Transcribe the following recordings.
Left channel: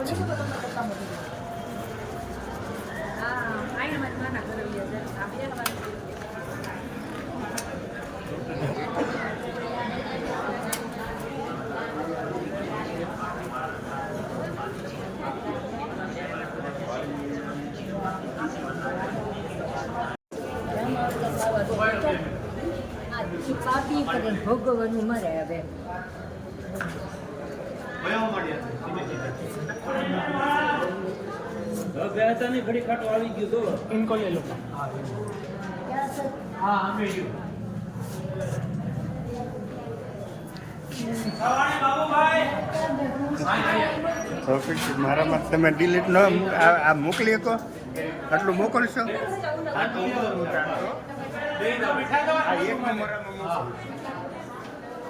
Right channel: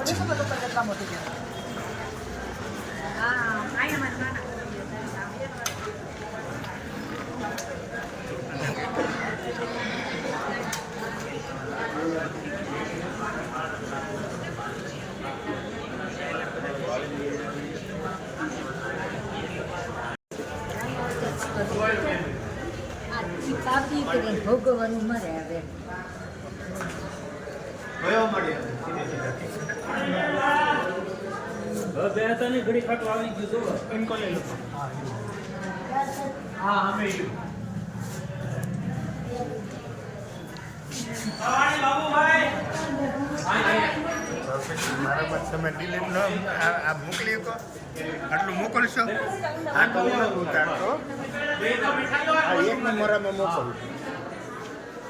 있지. 아, 아예 만나나. આ પાપી કરીને ભોગવવાનું મરે હવે હવે બે હતા ની ઘડી ખાટો આવી ગયો તો મારામાં તમે ડિલીટ ન આ આ મોકલી શકો આટલું મોકલશો આ તો હું નથી મોરામાં મોરામાં મોસમ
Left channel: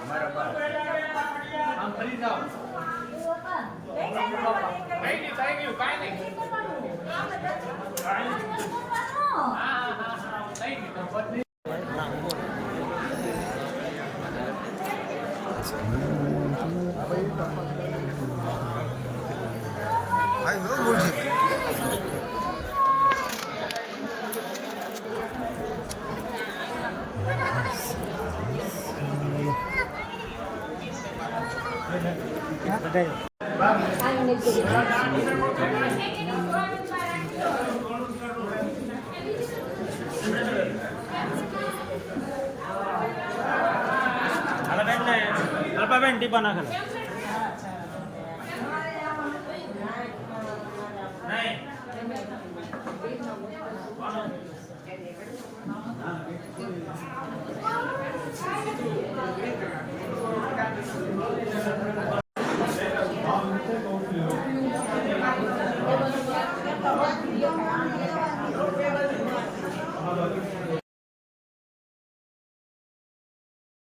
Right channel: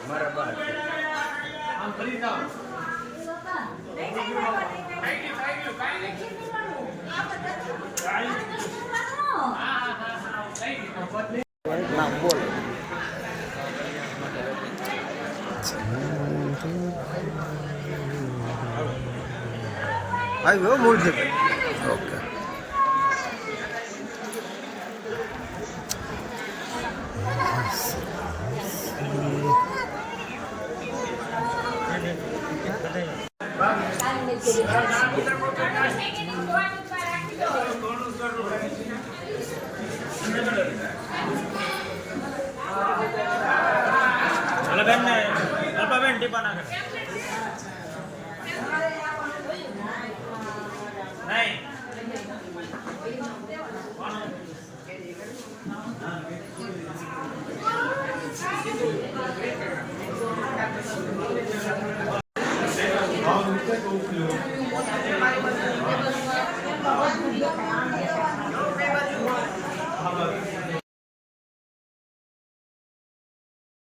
અમારા બાર મૂળ છે ઓકે అలా పెన్ అల్ప పెన్ టీ పన్నా